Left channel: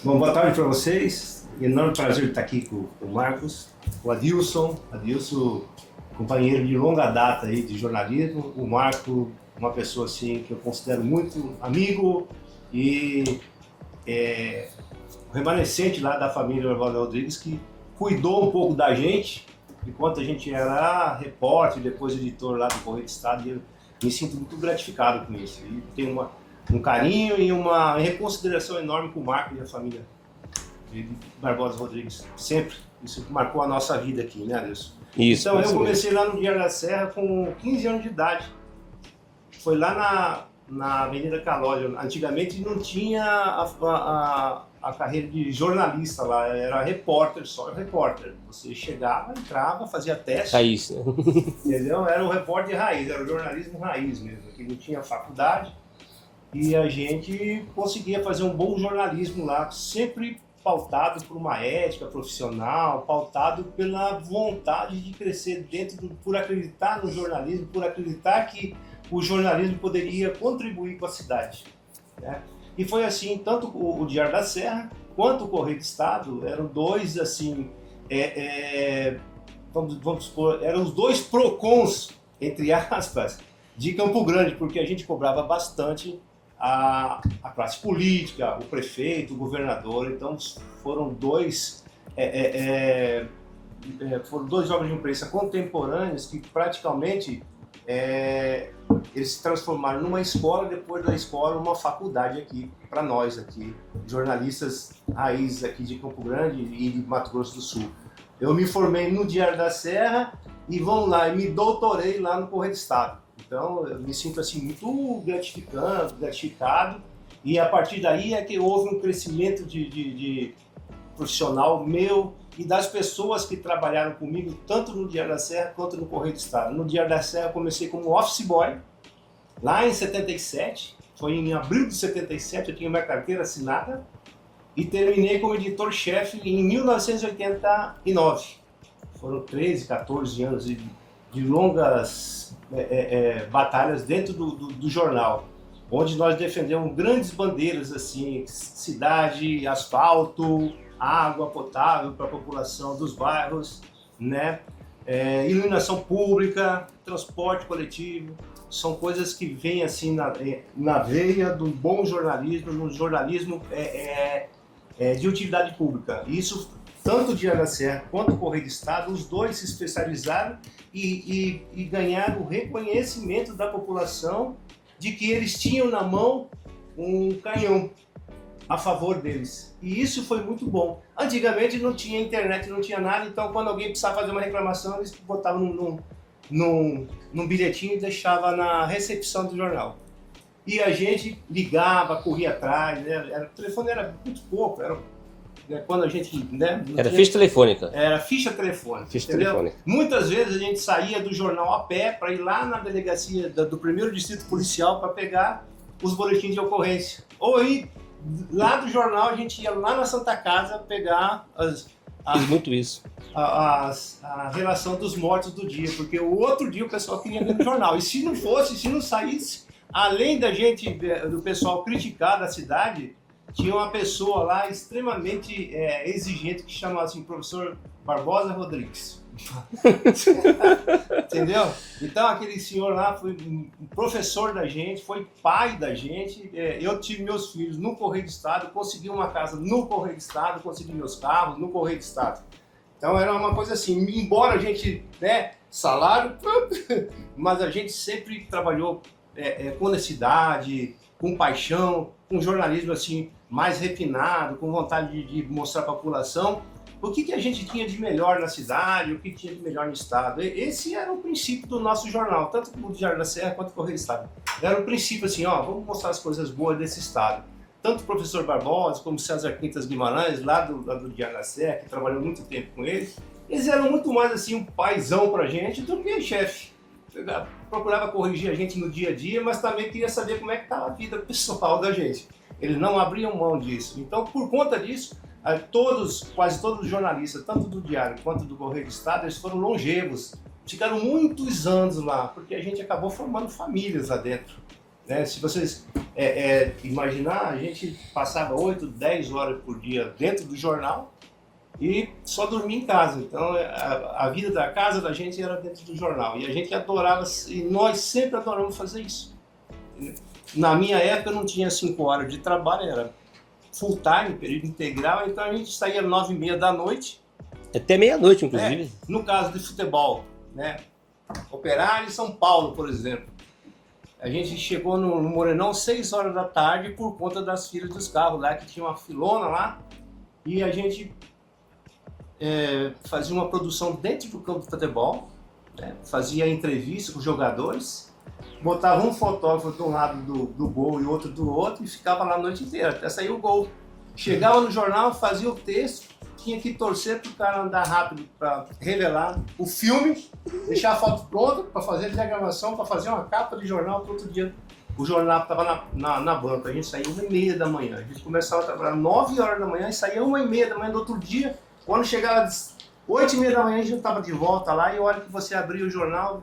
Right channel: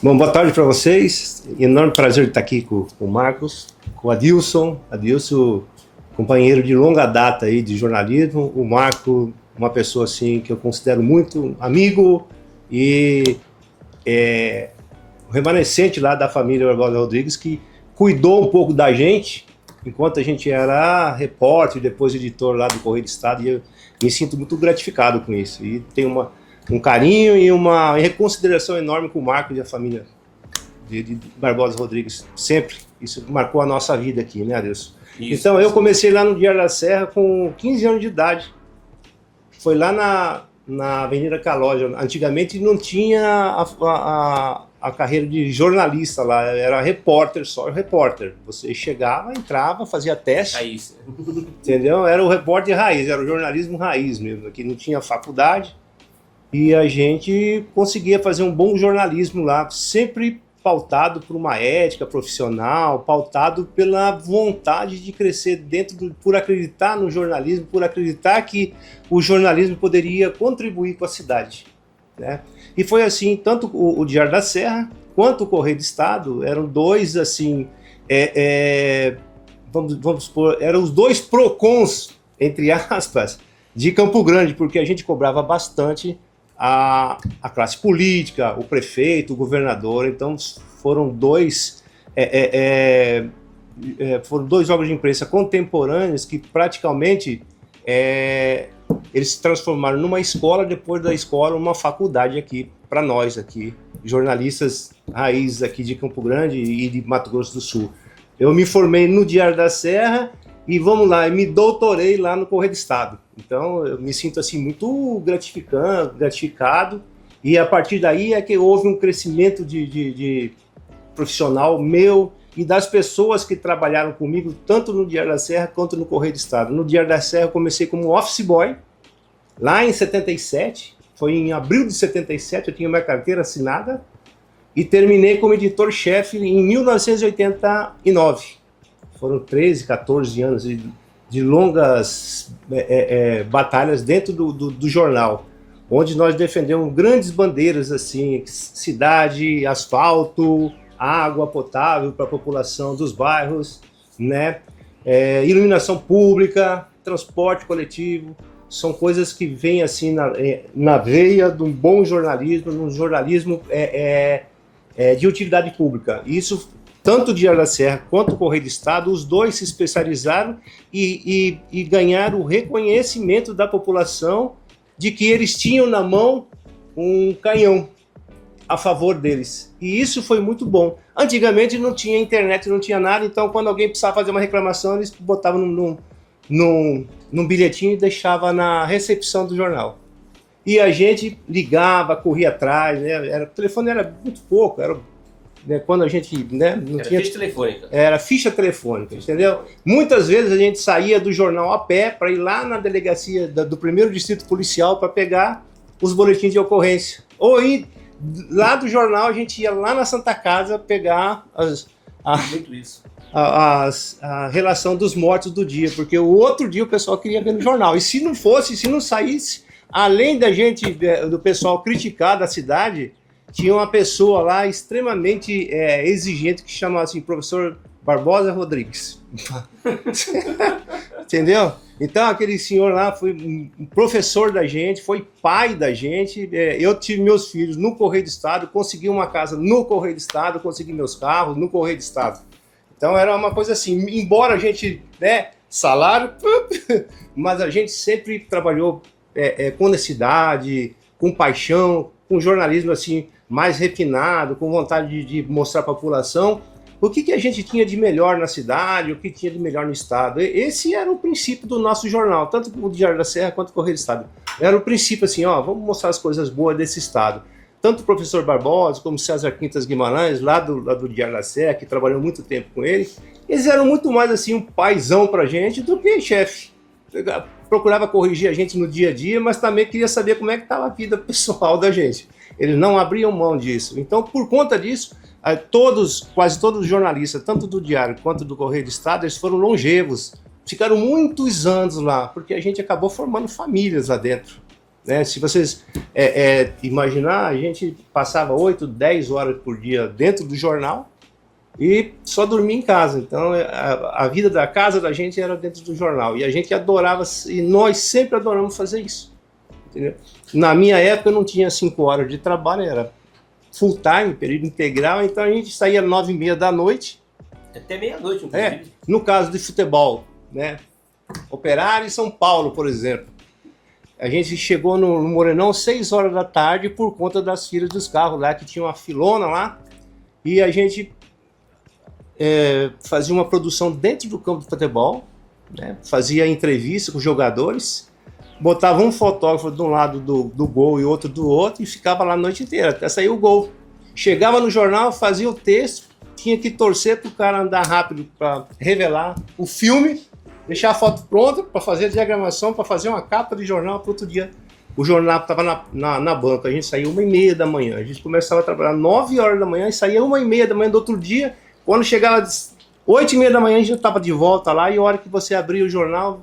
Bom, boa tarde para vocês. Enorme prazer de estar aqui com o Marcos, com o Adilson. Adilson, companheiro de longa data aí de jornalismo. O Marco, uma pessoa assim que eu considero muito amigo e o remanescente lá da família Barbosa Rodrigues que cuidou um pouco da gente enquanto a gente era repórter, depois editor lá do Correio do Estado. E eu me sinto muito gratificado com isso. E tenho um carinho e uma reconsideração enorme com o Marco e a família de Barbosa Rodrigues. Sempre. Isso marcou a nossa vida aqui, né, Adilson? Isso, então, eu comecei lá no Diário da Serra com 15 anos de idade. Foi lá na Avenida Calói. Antigamente não tinha a carreira de jornalista lá, era repórter, só repórter. Você chegava, entrava, fazia teste. Raiz, né? Entendeu? Era o repórter raiz, era o jornalismo raiz mesmo. Aqui não tinha faculdade. E a gente conseguia fazer um bom jornalismo lá, sempre pautado por uma ética profissional, pautado pela vontade de crescer por acreditar no jornalismo, por acreditar que o jornalismo poderia contribuir com a cidade, né? E foi assim, tanto o Diário da Serra quanto o Correio do Estado eram dois, assim, vamos supor, eram os dois PROCONs, entre aspas, de Campo Grande, porque a gente cobrava bastante a classe política, o prefeito, o governador. Então foram dois órgãos de imprensa contemporâneos que praticamente eles se transformaram numa escola, depois da escola uma faculdade aqui para nós aqui, jornalistas raízes aqui de Campo Grande e de Mato Grosso do Sul. Eu me formei no Diário da Serra e vamos lá, me doutorei lá no Correio do Estado. Então, eu me sinto assim muito gratificado, e a partir daí é que houve um crescimento de profissional meu e das pessoas que trabalharam comigo, tanto no Diário da Serra quanto no Correio do Estado. No Diário da Serra eu comecei como office boy, lá em 77, foi em abril de 77, eu tinha minha carteira assinada, e terminei como editor-chefe em 1989. Foram 13, 14 anos de longas batalhas dentro do jornal, onde nós defendemos grandes bandeiras assim, cidade, asfalto, água potável para a população dos bairros, né? Iluminação pública, transporte coletivo, são coisas que vêm assim na veia de um bom jornalismo, num jornalismo de utilidade pública. Isso tanto o Diário da Serra quanto o Correio do Estado, os dois se especializaram e ganharam o reconhecimento da população de que eles tinham na mão um canhão a favor deles. E isso foi muito bom. Antigamente não tinha internet, não tinha nada, então quando alguém precisava fazer uma reclamação, eles botavam num bilhetinho e deixavam na recepção do jornal. E a gente ligava, corria atrás, né? O telefone era muito pouco, quando a gente, né, não Era tinha... ficha telefônica. Era ficha telefônica, entendeu? Muitas vezes a gente saía do jornal a pé para ir lá na delegacia do primeiro distrito policial para pegar os boletins de ocorrência. Ou ir lá do jornal, a gente ia lá na Santa Casa pegar Muito isso. a relação dos mortos do dia, porque o outro dia o pessoal queria ver no jornal. E se não saísse, além da gente, do pessoal criticar da cidade, tinha uma pessoa lá extremamente exigente que chamava assim, professor Barbosa Rodrigues. Entendeu? Então aquele senhor lá foi um professor da gente, foi pai da gente. Eu tive meus filhos no Correio do Estado, consegui uma casa no Correio do Estado, consegui meus carros no Correio do Estado. Então era uma coisa assim, embora a gente, né, salário, mas a gente sempre trabalhou com honestidade, com paixão, com jornalismo assim mais refinado, com vontade de mostrar para a população o que a gente tinha de melhor na cidade, o que tinha de melhor no estado. Esse era o princípio do nosso jornal, tanto o Diário da Serra quanto o Correio do Estado. Era o princípio assim, vamos mostrar as coisas boas desse estado. Tanto o professor Barbosa como o César Quintas Guimarães, lá do Diário da Serra, que trabalhou muito tempo com ele, eles eram muito mais assim um paizão pra gente do que chefe. Procurava corrigir a gente no dia a dia, mas também queria saber como é que estava a vida pessoal da gente. Eles não abriam mão disso. Então, por conta disso, quase todos os jornalistas, tanto do Diário quanto do Correio do Estado, eles foram longevos. Ficaram muitos anos lá, porque a gente acabou formando famílias lá dentro. né? Se vocês imaginar, a gente passava 8, 10 horas por dia dentro do jornal e só dormia em casa. Então a vida da casa da gente era dentro do jornal. E a gente adorava, e nós sempre adoramos fazer isso. Entendeu? Na minha época eu não tinha 5 horas de trabalho, era full time, período integral, então a gente saía 9h30 da noite. Até meia-noite, inclusive. No caso de futebol, né? Operário em São Paulo, por exemplo. A gente chegou no Morenão 6 horas da tarde por conta das filas dos carros lá, que tinha uma filona lá, e a gente fazia uma produção dentro do campo de futebol, né? Fazia entrevista com os jogadores, botava um fotógrafo de um lado do gol e outro do outro, e ficava lá a noite inteira, até sair o gol. Chegava no jornal, fazia o texto, tinha que torcer para o cara andar rápido para revelar o filme, deixar a foto pronta para fazer a diagramação, para fazer uma capa de jornal para outro dia. O jornal estava na banca, a gente saía 1h30 da manhã, a gente começava a trabalhar 9 horas da manhã e saía 1h30 da manhã do outro dia. Quando chegava 8h30 da manhã, a gente estava de volta lá, e a hora que você abria o jornal,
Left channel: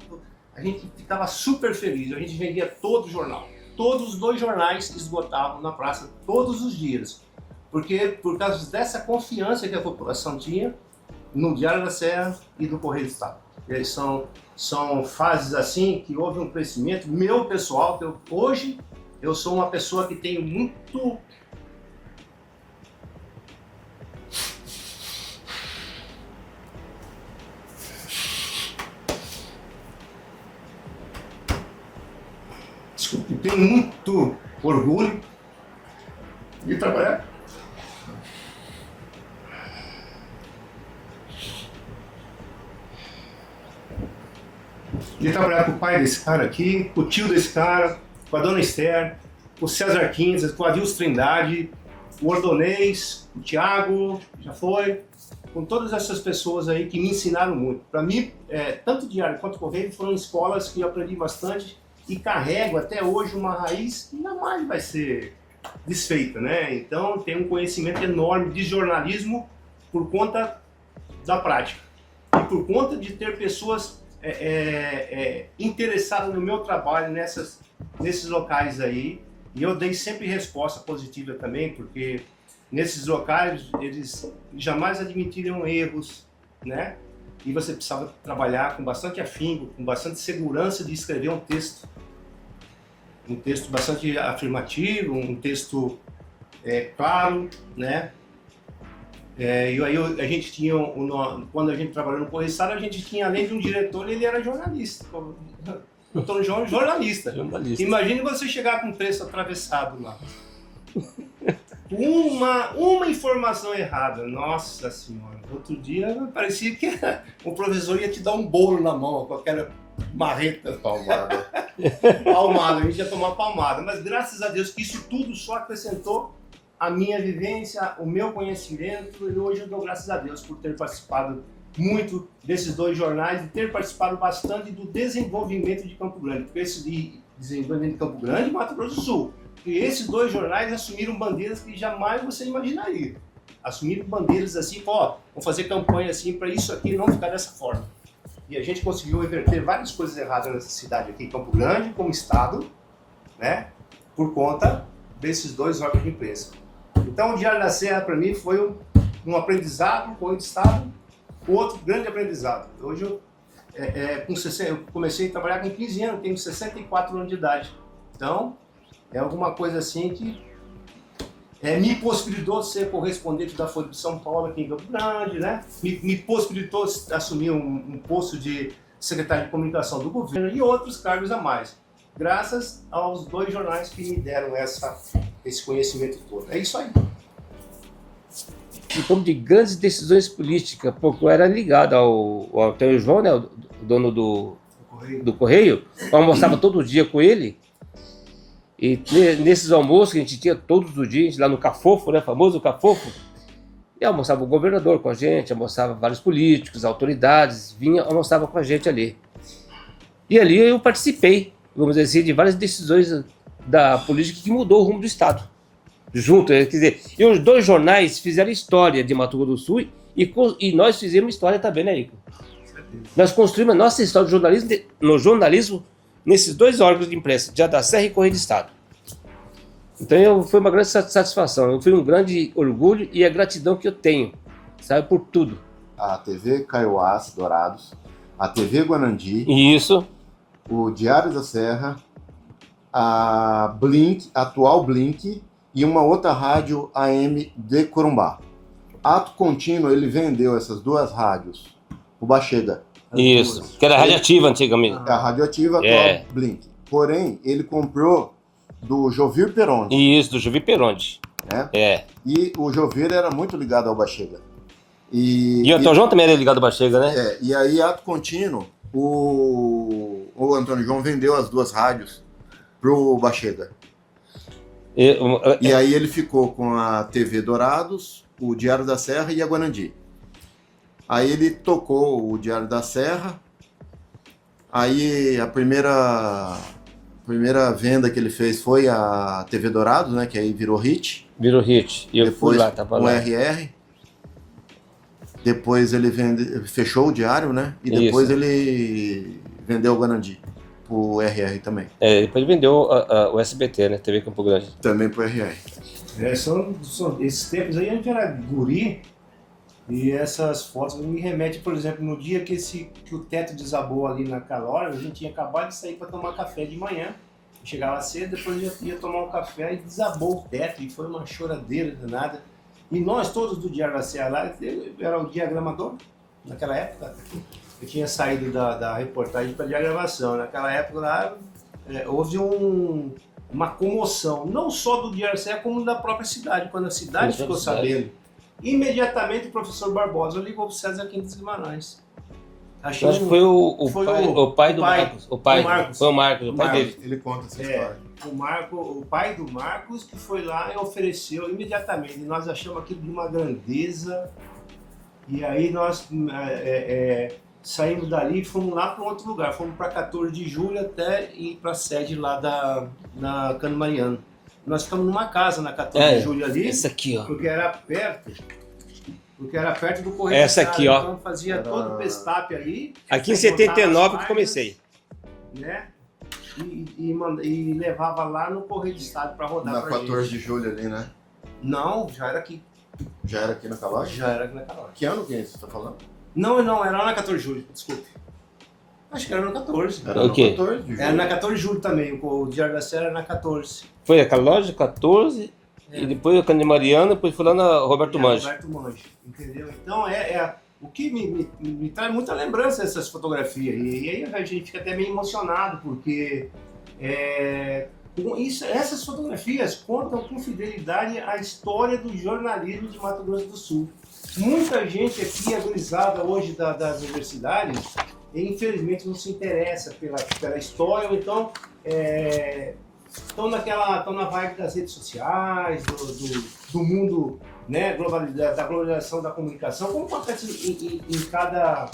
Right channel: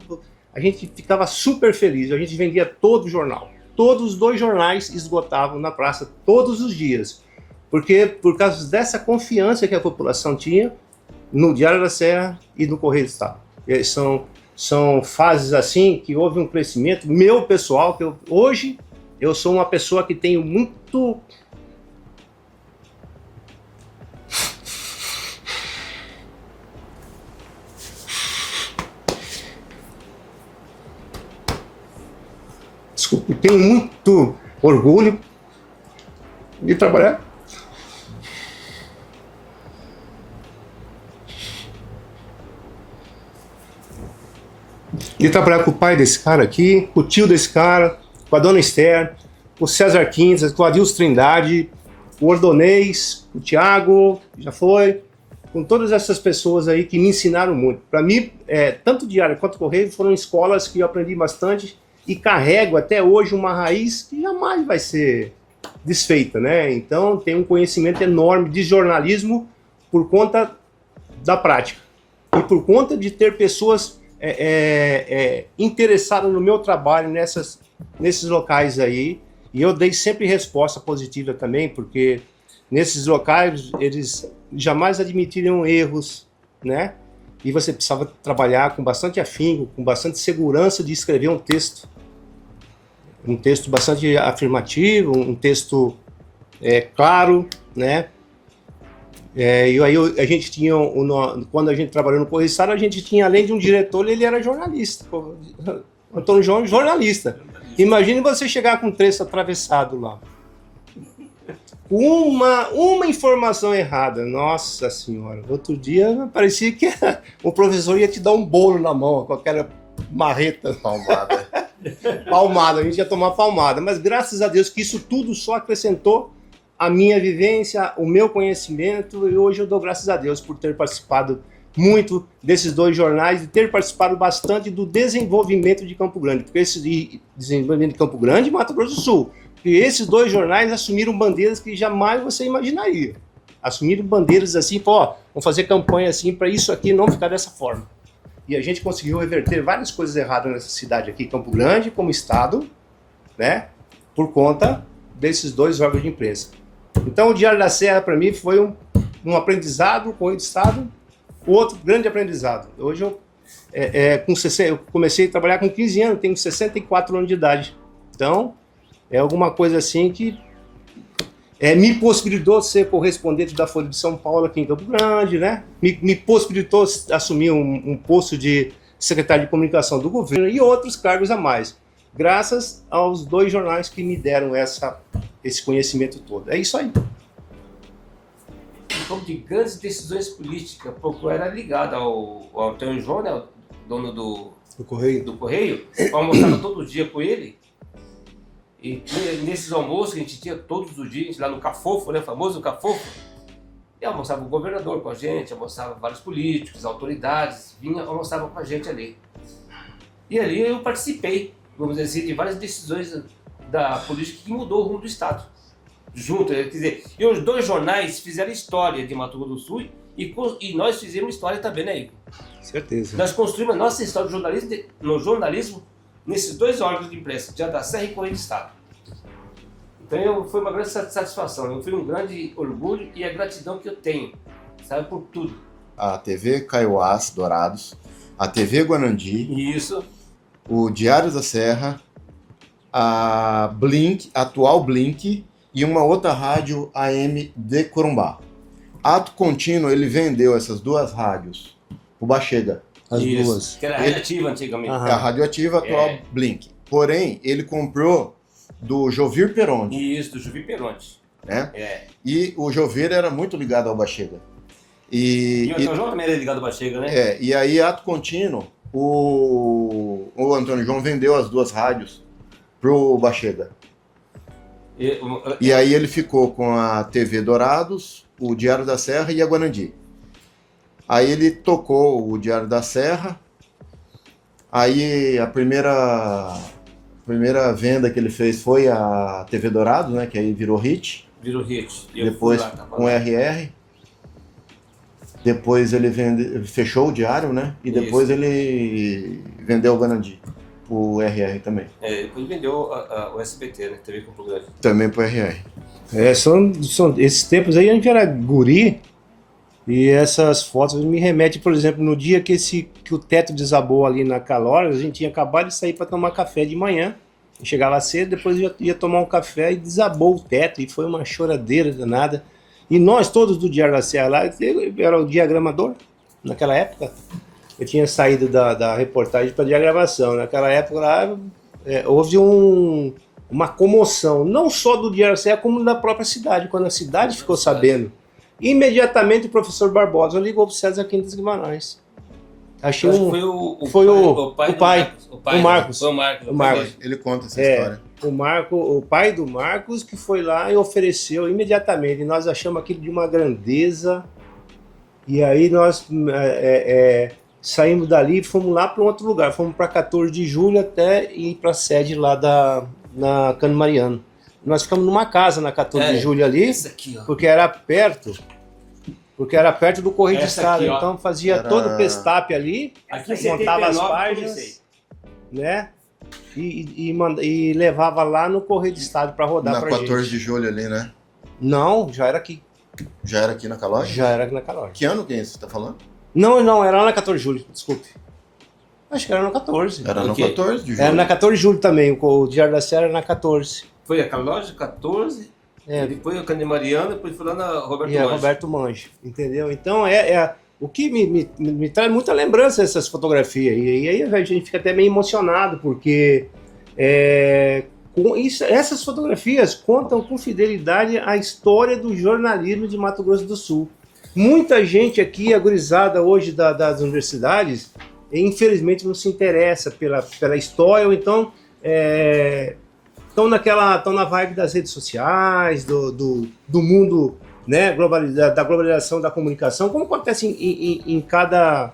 a gente ficava super feliz, a gente vendia todo o jornal. Todos os 2 jornais esgotavam na praça todos os dias. Porque por causa dessa confiança que a população tinha no Diário da Serra e no Correio do Estado. São fases assim que houve um crescimento meu pessoal, que hoje eu sou uma pessoa que tenho muito... Desculpe, tenho muito orgulho de trabalhar. De trabalhar com o pai desse cara aqui, com o tio desse cara, com a dona Esther, com o César Quintas, com o Adilson Trindade, o Ordonez, o Thiago, já foi, com todas essas pessoas aí que me ensinaram muito. Para mim, tanto o Diário quanto o Correio foram escolas que eu aprendi bastante e carrego até hoje uma raiz que jamais vai ser desfeita, né? Então, tenho um conhecimento enorme de jornalismo por conta da prática e por conta de ter pessoas interessado no meu trabalho nesses locais aí, e eu dei sempre resposta positiva também, porque nesses locais eles jamais admitiriam erros, né? E você precisava trabalhar com bastante afinco, com bastante segurança de escrever um texto bastante afirmativo, um texto claro, né? E aí a gente tinha, quando a gente trabalhou no Correio do Estado, a gente tinha, além de um diretor, ele era jornalista. Antônio João, jornalista. Imagine você chegar com um texto atravessado lá. Uma informação errada, nossa senhora. Outro dia parecia que o professor ia te dar um bolo na mão, com aquela marreta. Palmada. Palmada, a gente ia tomar palmada. Mas graças a Deus que isso tudo só acrescentou a minha vivência, o meu conhecimento, e hoje eu dou graças a Deus por ter participado muito desses 2 jornais e ter participado bastante do desenvolvimento de Campo Grande, porque esse desenvolvimento de Campo Grande e Mato Grosso do Sul, e esses 2 jornais assumiram bandeiras que jamais você imaginaria, assumiram bandeiras assim, vamos fazer campanha assim para isso aqui não ficar dessa forma, e a gente conseguiu reverter várias coisas erradas nessa cidade aqui, Campo Grande, como estado, né, por conta desses 2 órgãos de imprensa. Então o Diário da Serra para mim foi um aprendizado, o Correio do Estado, outro grande aprendizado. Hoje eu comecei a trabalhar com 15 anos, tenho 64 anos de idade. Então é alguma coisa assim que me possibilitou ser correspondente da Folha de São Paulo aqui em Campo Grande, né? Me possibilitou assumir um posto de secretário de comunicação do governo e outros cargos a mais, graças aos 2 jornais que me deram esse conhecimento todo. É isso aí. Em como de grandes decisões políticas, porque eu era ligado ao Antônio João, né, o dono do Correio, eu almoçava todo dia com ele, e nesses almoços que a gente tinha todos os dias, lá no Cafofo, né, famoso Cafofo, e almoçava o governador com a gente, almoçava vários políticos, autoridades, almoçava com a gente ali. E ali eu participei, vamos dizer assim, de várias decisões da política que mudou o rumo do Estado. Junto, quer dizer, e os 2 jornais fizeram história de Mato Grosso do Sul e nós fizemos história também, né, Igor? Certeza. Nós construímos a nossa história no jornalismo nesses 2 órgãos de imprensa, Diário da Serra e Correio do Estado. Então foi uma grande satisfação, foi um grande orgulho e a gratidão que eu tenho, sabe, por tudo. A TV Kaiowás Dourados, a TV Guanandi, Isso. o Diário da Serra, a Blink, a atual Blink e uma outra rádio AM de Corumbá. Ato Contínuo, ele vendeu essas 2 rádios, o Bachega. Isso, duas. que era radioativa antigamente. É a radioativa atual Blink. Porém, ele comprou do Jovir Peronde. Isso, do Jovir Peronde. Né? É. E o Jovir era muito ligado ao Bachega. E o Antônio João também era ligado ao Bachega, né? E aí, ato contínuo, o Antônio João vendeu as 2 rádios pro Bachega. E aí ele ficou com a TV Dourados, o Diário da Serra e a Guanandi. Aí ele tocou o Diário da Serra. Aí a primeira venda que ele fez foi a TV Dourados, né? Que aí virou hit. Virou hit. E eu depois fui lá, tava com lá. RR. Depois ele fechou o Diário, né? E depois ele vendeu o Guanandi. O RR também. Depois vendeu o SBT, né? TV Campo Grande. Também pro RR. São esses tempos aí a gente era guri. E essas fotos me remetem, por exemplo, no dia que o teto desabou ali na Calória, a gente tinha acabado de sair para tomar café de manhã. Chegava cedo, depois ia tomar um café e desabou o teto, e foi uma choradeira danada. E nós todos do Diário da Serra lá, eu era o diagramador naquela época. Eu tinha saído da reportagem para diagramação. Naquela época lá houve uma comoção, não só do Diário da Serra, como da própria cidade, quando a cidade ficou sabendo. Imediatamente o professor Barbosa ligou para o César Quintas Guimarães. Acho que foi o pai do Marcos. O Marcos. Foi o Marcos. Ele conta essa história. O pai do Marcos que foi lá e ofereceu imediatamente. E nós achamos aquilo de uma grandeza. E aí nós saímos dali e fomos lá para um outro lugar. Fomos para 14 de julho até ir para a sede lá na Cano Mariano. Nós ficamos numa casa na 14 de julho ali, essa aqui, ó. porque era perto do Correio do Estado. Aqui, ó. Então fazia todo o pestap ali. Aqui em 79 que comecei. Né? E levava lá no Correio do Estado para rodar pra gente. Na 14 de julho ali, né? Não, já era aqui. Já era aqui na Calória? Já era aqui na Calória. Que ano que você tá falando? Não, era lá na 14 de julho, desculpe. Acho que era no 14. Era no 14 de julho. Era na 14 de julho também, o Diário da Serra era na 14. Foi aquela loja, 14, depois a Cano de Mariana, depois foi lá na Roberto Manjo. Roberto Manjo, entendeu? Então o que me traz muita lembrança dessas fotografias. E aí a gente fica até meio emocionado, porque essas fotografias contam com fidelidade a história do jornalismo de Mato Grosso do Sul. Muita gente aqui, agorizada hoje das universidades, infelizmente não se interessa pela história, ou então estão na vibe das redes sociais, do mundo, né, da globalização da comunicação, como acontece em cada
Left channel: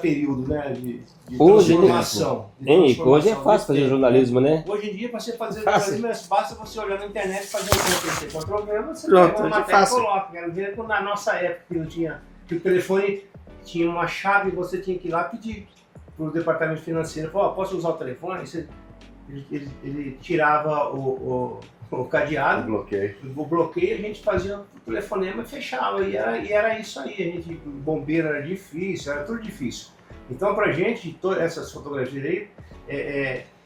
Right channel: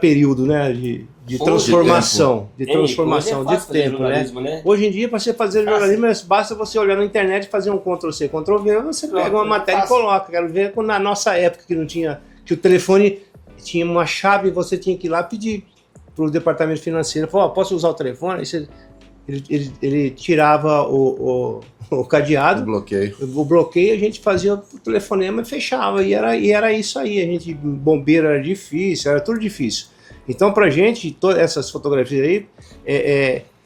período, né, de transformação. Hoje é fácil fazer jornalismo, né? Hoje em dia, para você fazer jornalismo, basta você olhar na internet, fazer um Ctrl-C, Ctrl-V, você pega uma matéria e coloca. Quero ver quando na nossa época que não tinha, que o telefone tinha uma chave, você tinha que ir lá pedir para o departamento financeiro, falou, posso usar o telefone? Aí ele tirava o cadeado, o bloqueio, a gente fazia o telefonema e fechava, e era isso aí, a gente, bombeiro era difícil, era tudo difícil. Então, pra gente, todas essas fotografias aí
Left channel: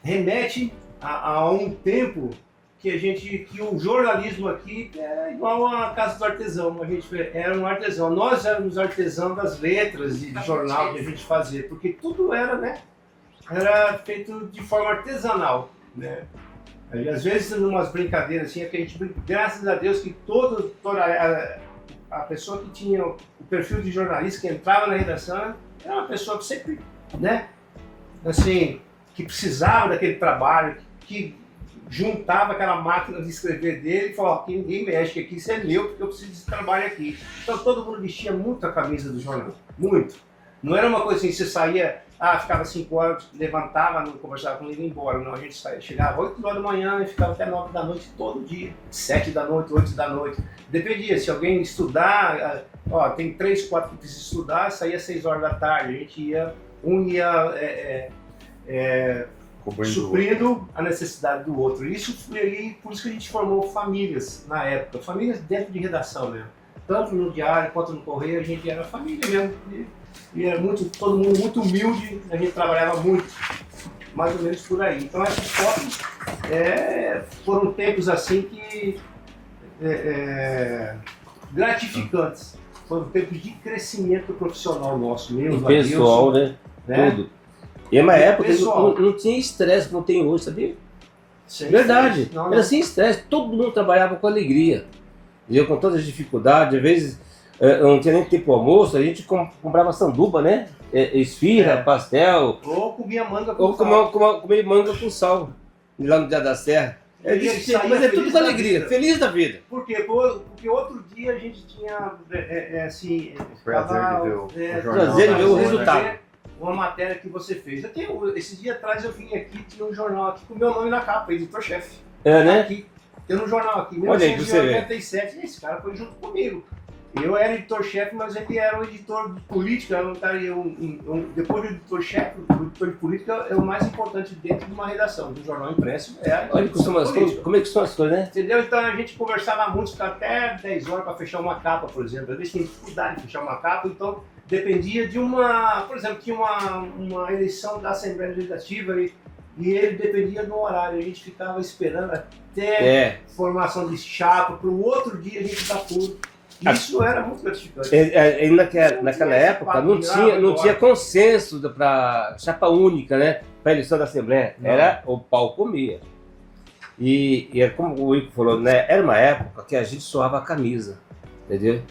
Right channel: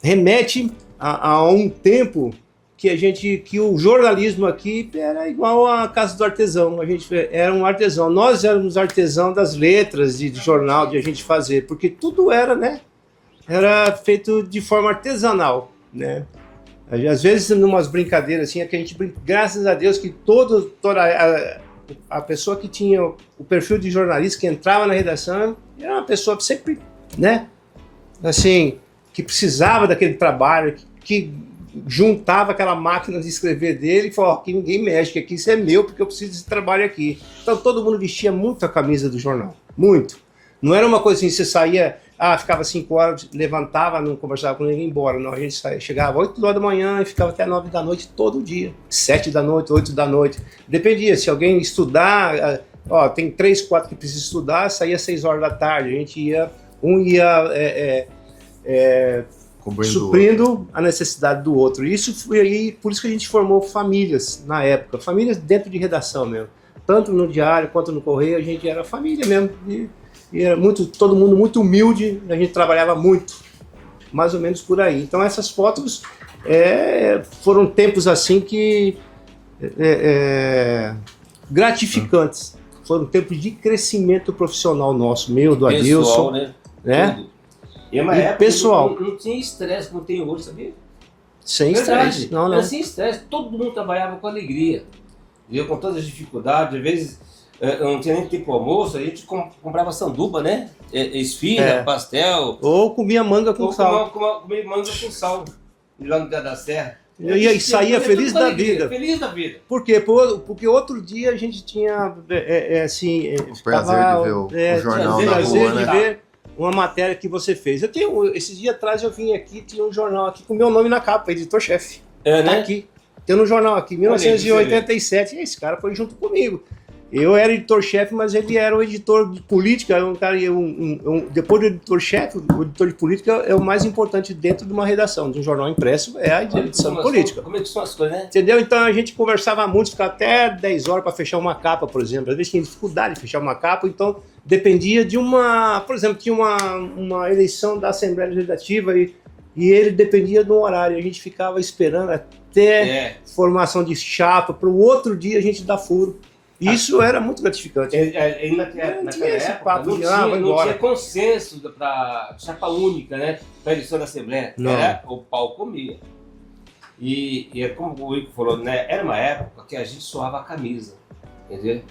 remete a um tempo que o jornalismo aqui era igual à casa do artesão. A gente era um artesão. Nós éramos artesão das letras de jornal de a gente fazer, porque tudo era, né? Era feito de forma artesanal, né? Às vezes, em umas brincadeiras assim, que a gente graças a Deus que toda a pessoa que tinha o perfil de jornalista que entrava na redação era uma pessoa que sempre, né? Assim, que precisava daquele trabalho, que juntava aquela máquina de escrever dele e falou, aqui ninguém mexe, que aqui isso é meu, porque eu preciso desse trabalho aqui. Então todo mundo vestia muito a camisa do jornal, muito. Não era uma coisa assim, você saía, ficava 5 horas, levantava, não conversava com ninguém e ia embora. Não, a gente chegava 8 horas da manhã e ficava até 9 da noite todo dia. 7 da noite, 8 da noite. Dependia, se alguém estudar, tem 3, 4 que precisam estudar, saía 6 horas da tarde. A gente ia Um ia suprindo a necessidade do outro. Isso foi aí, por isso que a gente formou famílias na época, famílias dentro de redação mesmo. Tanto no Diário quanto no Correio, a gente era família mesmo. E era todo mundo muito humilde, a gente trabalhava muito, mais ou menos por aí. Então essas fotos foram tempos assim que gratificantes. Foram tempos de crescimento profissional nosso, meu, do Adilson. Né? Tudo. E é uma época pessoal. Não tinha estresse como tem hoje, sabia? Sem Verdade. estresse. Não. Era sem estresse. Todo mundo trabalhava com alegria. Eu com todas as dificuldades, às vezes não tinha nem tempo pro almoço, a gente comprava sanduba, né? Esfirra, pastel. Ou comia manga com sal. Comia manga com sal. Lá no Dia da Serra. E saía feliz da vida. Feliz da vida. Por quê? Porque outro dia a gente tinha, o prazer de ver o jornal na rua, né? Ver uma matéria que você fez. Esses dias atrás eu vim aqui, tinha um jornal aqui com o meu nome na capa, editor-chefe. Né? Aqui. Tem um jornal aqui, 1987, e esse cara foi junto comigo. Eu era editor-chefe, mas ele era o editor de política. Depois do editor-chefe, o editor de política é o mais importante dentro de uma redação, de um jornal impresso, é a edição política. Como é que são as coisas, né? Entendeu? Então a gente conversava muito, ficava até 10 horas para fechar uma capa, por exemplo. Às vezes tinha dificuldade de fechar uma capa, então dependia de por exemplo, tinha uma eleição da Assembleia Legislativa e ele dependia do horário. A gente ficava esperando até formação de chapa, para o outro dia a gente dar furo. Isso era muito gratificante. Naquela época não tinha consenso para chapa única, né? Para a eleição da Assembleia. Era o pau comia. E como o Ico falou, né? Era uma época que a gente suava a camisa, entendeu?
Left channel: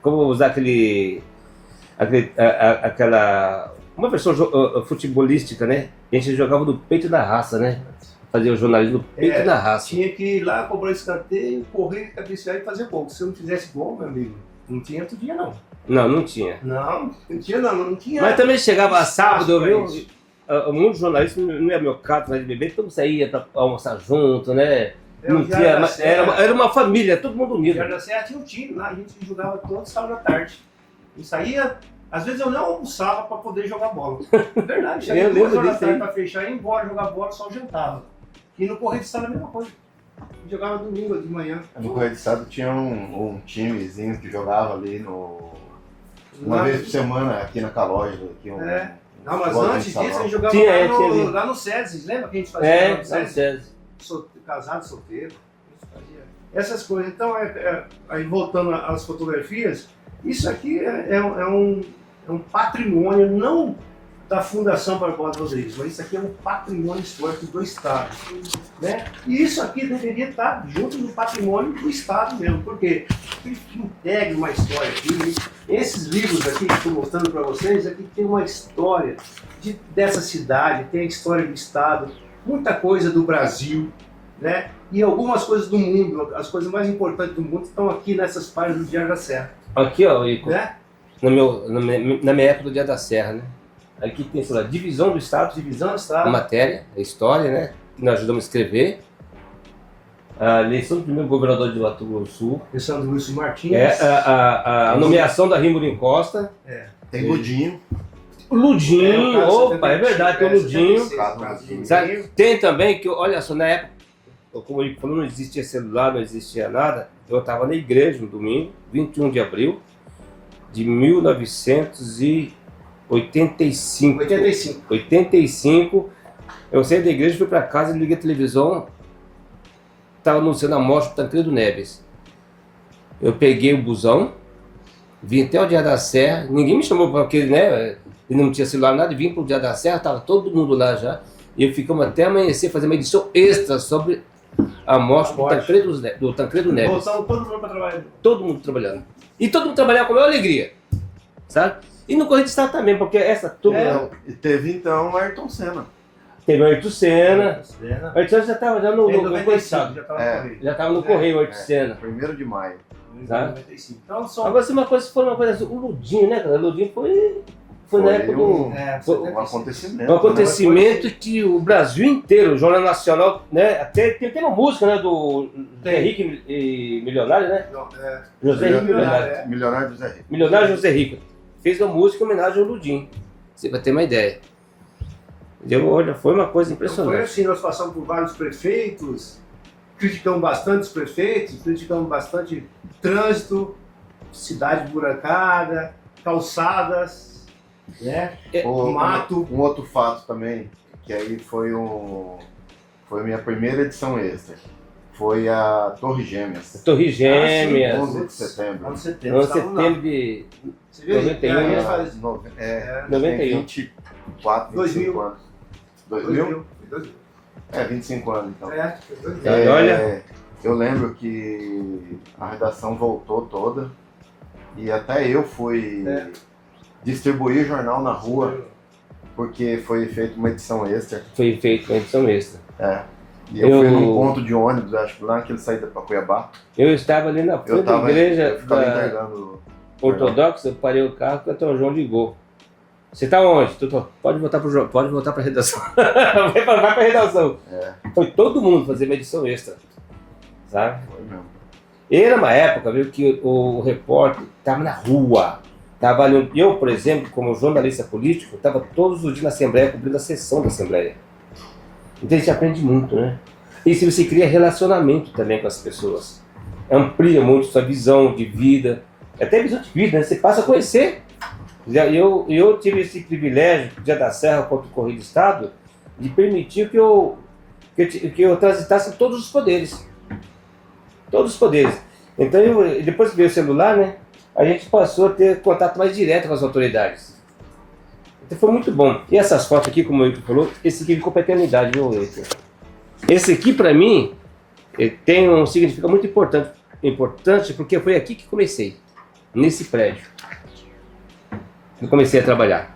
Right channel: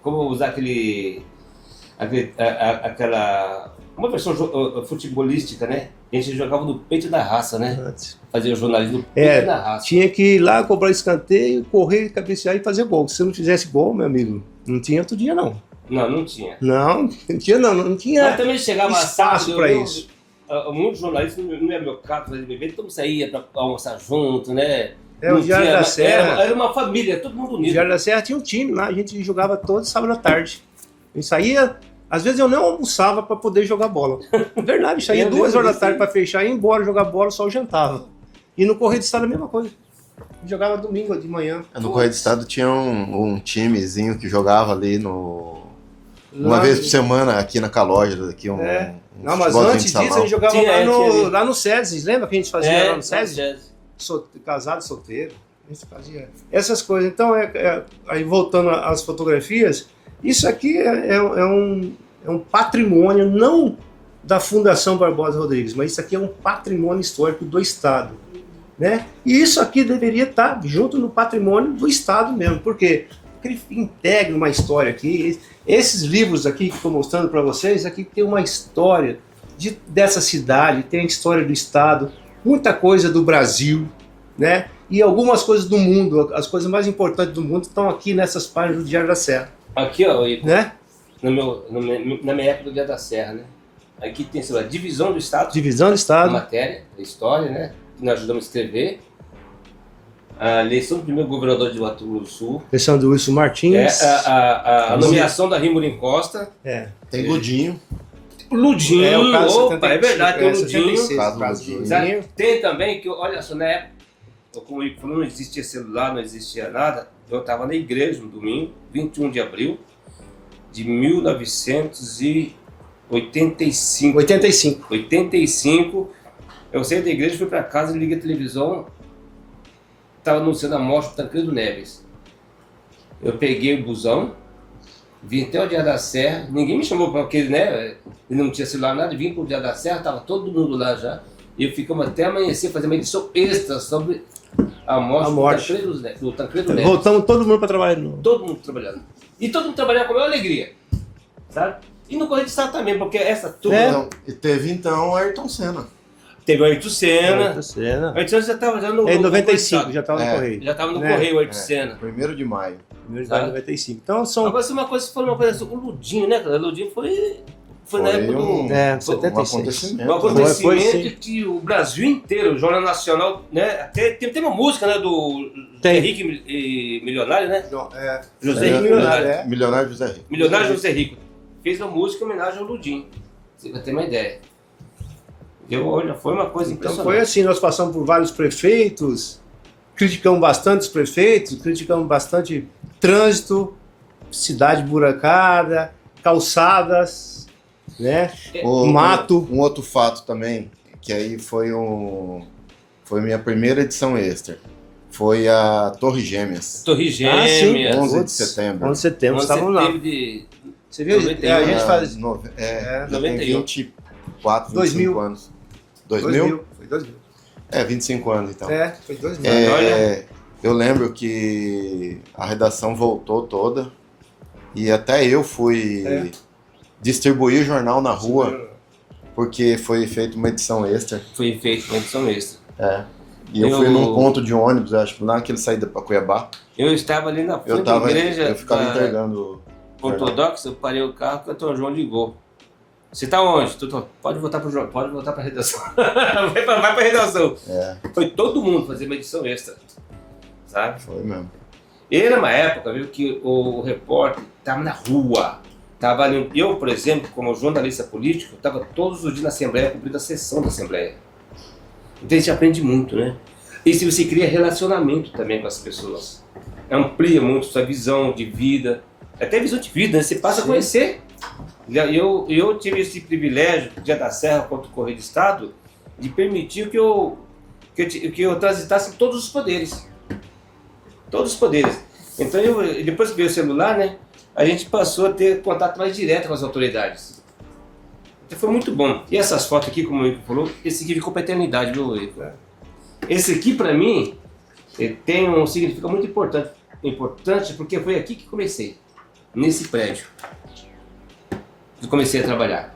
Como usar aquela uma versão futebolística, né? A gente jogava no peito da raça, né? Fazia o jornalismo no peito da raça. Tinha que ir lá, cobrar escanteio, correr, cabecear e fazer gol. Se não fizesse gol, meu amigo, não tinha outro dia, não. Não tinha. Não tinha. Mas também chegava sábado para isso. Muitos jornalistas, não era meu caso, mas beber, todo mundo saía para almoçar junto, né? O Diário da Serra. Era uma família, todo mundo unido. O Diário da Serra tinha um time lá, a gente jogava todo sábado à tarde. A gente saía. Às vezes eu nem almoçava para poder jogar bola. Verdade, saía 2 horas da tarde para fechar, ia embora jogar bola, só jantava. E no Correio do Estado a mesma coisa. Jogava domingo de manhã. No Correio do Estado tinha um timezinho que jogava ali uma vez por semana aqui na Calógera. Não, mas antes disso a gente jogava lá no SESI. Lembra que a gente fazia lá no SESI? Casado, solteiro. A gente fazia essas coisas. Então, aí voltando às fotografias, isso aqui é um patrimônio, não da Fundação Barbosa Rodrigues, mas isso aqui é um patrimônio histórico do Estado, né? E isso aqui deveria estar junto no patrimônio do Estado mesmo, porque ele integra uma história aqui. Esses livros aqui que estou mostrando para vocês, aqui tem uma história dessa cidade, tem a história do Estado, muita coisa do Brasil, né? E algumas coisas do mundo, as coisas mais importantes do mundo estão aqui nessas páginas do Diário da Serra. Aqui, ó, Ico, né? na minha época do Dia da Serra, né? Aqui tem, sei lá, Divisão do Estado. Divisão do Estado. Matéria, a história, né? Que nós ajudamos a escrever. A eleição do primeiro governador de Mato Grosso do Sul. Eleição do Wilson Martins. A nomeação da Rímulo Costa. Tem Ludinho. Ludinho, é verdade, tem o Ludinho. 76, tem também, que olha só, na época, como o Ico falou, não existia celular, não existia nada. Eu estava na igreja no domingo, 21 de abril de 1985. 85. Eu saí da igreja, fui para casa, liguei a televisão, estava anunciando a morte do Tancredo Neves. Eu peguei o busão, vim até o Dia da Serra, ninguém me chamou porque, né, ele não tinha celular nada, vim para o Dia da Serra, estava todo mundo lá já, e ficamos até amanhecer, fazer uma edição extra sobre a morte do Tancredo Neves. Voltamos todo mundo para trabalhar. Todo mundo trabalhando. E todo mundo trabalhava com a maior alegria, sabe? E no Correio do Estado também, porque essa turma... E teve então o Ayrton Senna. Teve o Ayrton Senna. O Ayrton Senna já estava no... Em 95, já estava no Correio. Já estava no Correio o Ayrton Senna. 1º de maio. 1º de maio de 95. Então são... Agora, foi uma coisa assim, o Ludinho, né, cara? O Ludinho foi na época do... um acontecimento. Um acontecimento que o Brasil inteiro, o Jornal Nacional, né? Até tem uma música, né, do Henrique Milionário, né? José Henrique Milionário José Rico. Milionário José Rico. Fez uma música em homenagem ao Ludinho. Você vai ter uma ideia. Olha, foi uma coisa impressionante. Então foi assim, nós passamos por vários prefeitos, criticamos bastante os prefeitos, criticamos bastante trânsito, cidade burancada, calçadas, né? Mato. Um outro fato também, que aí foi a minha primeira edição extra. Foi a Torre Gêmeas. Torre Gêmeas. 11 de setembro. 11 de setembro, estavam lá. Você viu? 91. A gente faz... 91. 24, 25 anos. 2000? Foi 2000. 25 anos então. Foi 2000. Eu lembro que a redação voltou toda e até eu fui distribuir jornal na rua porque foi feita uma edição extra. Foi feita uma edição extra. E eu fui num ponto de ônibus, acho que lá naquele saída para Cuiabá. Eu estava ali na frente da igreja eu ficava entregando ortodoxa, eu parei o carro e o Antônio João ligou. Você tá onde, doutor? Pode voltar pra redação. vai pra redação. Foi todo mundo fazer uma edição extra. Sabe? Foi mesmo. E era uma época, viu, que o repórter estava na rua. Tava ali, eu, por exemplo, como jornalista político, estava todos os dias na Assembleia, cumprindo a sessão da Assembleia. Então a gente aprende muito, né? E se você cria relacionamento também com as pessoas. Amplia muito sua visão de vida. Até visão de vida, né? Você passa a conhecer. Eu tive esse privilégio, Dia da Serra contra o Correio do Estado, de permitir que eu transitasse em todos os poderes. Todos os poderes. Então, depois que veio o celular, né, a gente passou a ter contato mais direto com as autoridades. Então foi muito bom. E essas fotos aqui, como o Eike falou, esse aqui ficou pra eternidade, meu Eike. Esse aqui, pra mim, ele tem um significado muito importante porque foi aqui que comecei, nesse prédio. Eu comecei a trabalhar.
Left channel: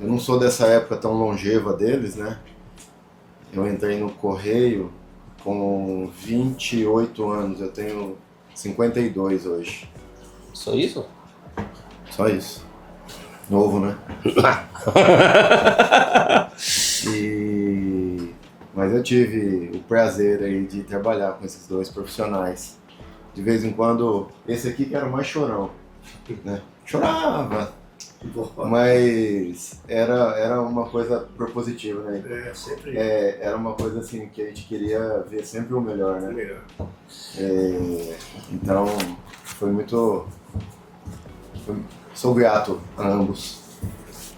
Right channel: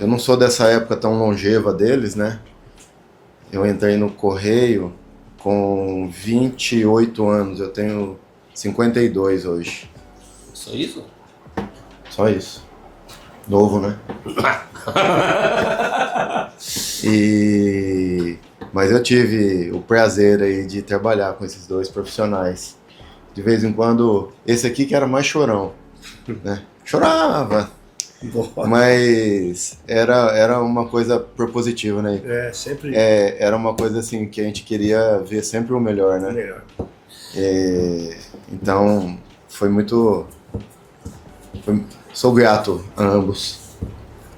Eu não sou dessa época tão longeva deles, né? Eu entrei no Correio com 28 anos, eu tenho 52 hoje. Só isso? Só isso. Novo, né? Mas eu tive o prazer aí de trabalhar com esses dois profissionais. De vez em quando, esse aqui que era mais chorão, né? Chorava, mas era uma coisa propositiva, né? Sempre. Era uma coisa assim que a gente queria ver sempre o melhor, né? Então, foi muito... Sou grato a ambos.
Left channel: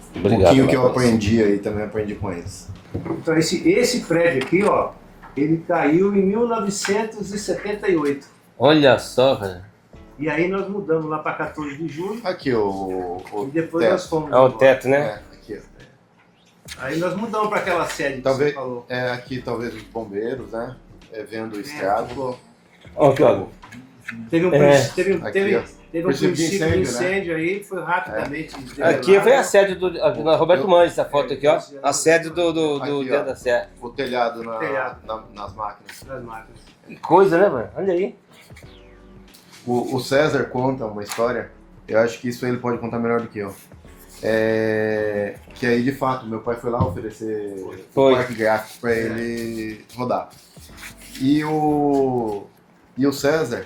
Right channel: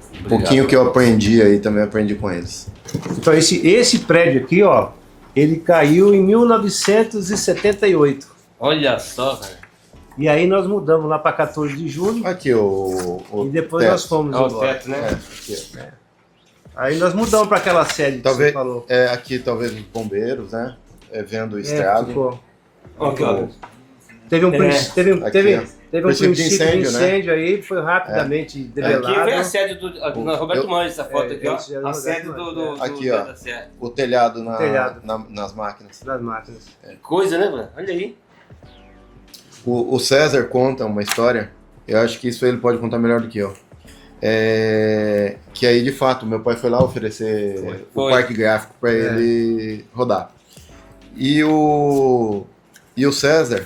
Obrigado, um pouquinho que eu aprendi aí, também aprendi com eles. Então esse prédio aqui, ó, ele caiu em 1978. Olha só, velho. E aí nós mudamos lá para 14 de julho. Aqui o e depois teto. nós fomos o embora. teto, né? Aí nós mudamos para aquela sede que Talvez, você falou. Aqui talvez os bombeiros, né? Vendo o estrado. Ficou. Ó, Teve um Teve um princípio de incêndio aí, foi rapidamente develado. Aqui foi a sede do Roberto Mandes, essa foto aqui, ó. A sede do aqui, Dia ó, da Serra. o telhado, nas máquinas. Das máquinas. Que coisa, né, mano? Olha aí. O César conta uma história, eu acho que isso ele pode contar melhor do que eu. Que aí, de fato, meu pai foi lá oferecer um parque gráfico para ele rodar. E o César,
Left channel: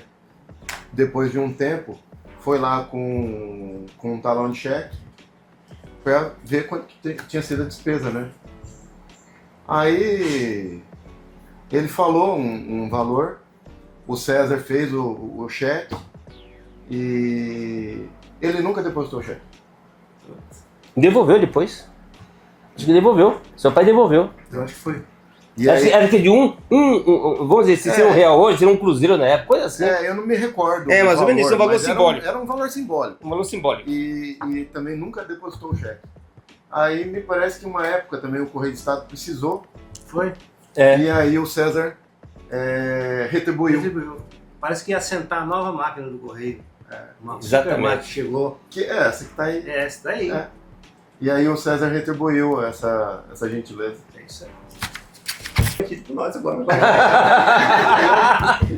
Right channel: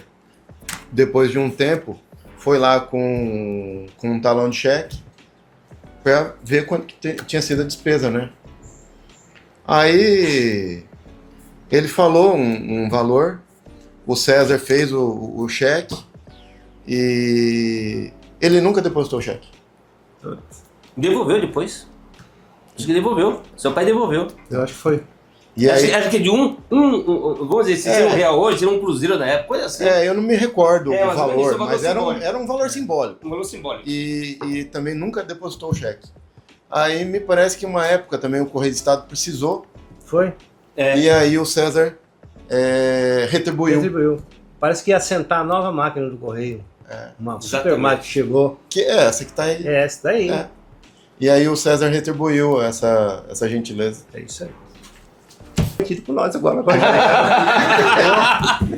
depois de um tempo, foi lá com um talão de cheque para ver quanto que tinha sido a despesa, né? Aí ele falou um valor, o César fez o cheque e ele nunca depositou o cheque. Devolveu depois. Acho que devolveu. Seu pai devolveu. Eu acho que foi. E aí, acho que de vamos dizer, se seria um real hoje, seria um cruzeiro na época, coisa assim. eu não me recordo. Mas ou menos isso é um valor simbólico. Era um valor simbólico. Um valor simbólico. E também nunca depositou o cheque. Aí me parece que uma época também o Correio do Estado precisou. Foi? E aí o César retribuiu. Parece que ia assentar a nova máquina do Correio. Uma super máquina que chegou. Que é essa que tá aí. Essa daí. E aí o César retribuiu essa gentileza. É isso aí. Aqui por nós agora.